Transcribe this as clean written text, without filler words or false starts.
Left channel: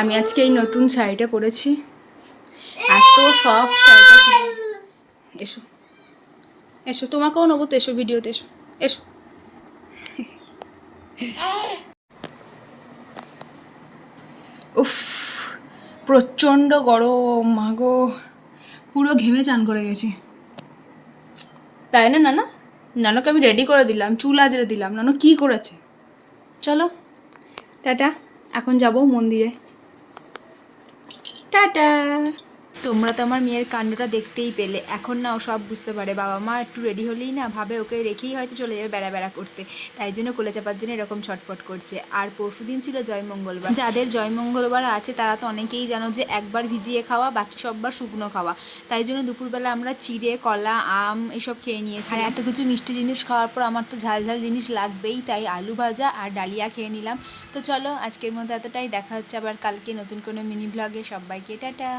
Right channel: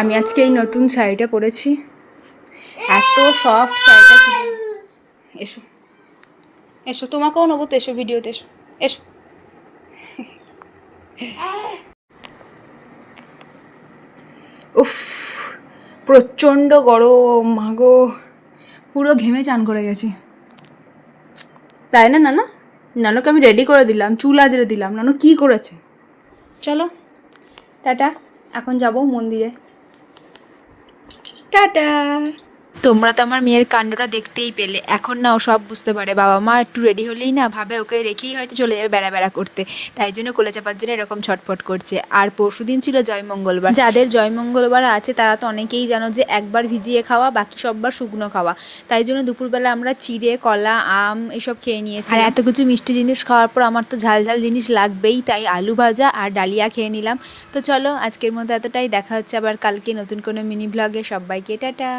আমি আজকে এই নতুন শাড়িটা পরেছি, এত সফট শাড়িটা। এসো এসো, তোমাকেও নেবো তো, এসো ভিডিওতে, এসো এসো। উফ, প্রচণ্ড গরম, মাগো পুরো ঘেমে চান করে গেছি। তাই না নানু? নানুকে আমি রেডি করে দিলাম, চুল আজরে দিলাম। নানু কী করেছে? চলো টাটা, এখন যাব মন্দিরে। টাটা। তোমরা তো আমার মেয়ের কাণ্ডটা দেখতেই পেলে। এখন না ও সব বুঝতে পারে। বাবা মা একটু রেডি হলেই না ভাবে ওকে রেখেই হয়তো চলে যাবে বেড়া বেড়া করতে, তাই জন্য কোলে চাপার জন্য এরকম ছটফট করছে। আর পরশুদিন ছিল জয় মঙ্গলবার। যাদের জয় মঙ্গলবার আছে তারা তো অনেকেই জানো যে একবার ভিজিয়ে খাওয়া, বাকি সববার শুকনো খাওয়া। তাই জন্য দুপুরবেলা আমরা চিড়ে, কলা, আম এসব খেয়ে নিয়েছি। আর এত কিছু মিষ্টি জিনিস খাওয়ার পর আমার তো ঝাল ঝাল জিনিস লাগবেই, তাই আলু ভাজা আর ডালিয়া খেয়ে নিলাম। তো চলো আজকের মতো এতটাই, দেখা হচ্ছে আবার কালকে নতুন কোনো মিনি ব্লগে। সবাইকে টাটা।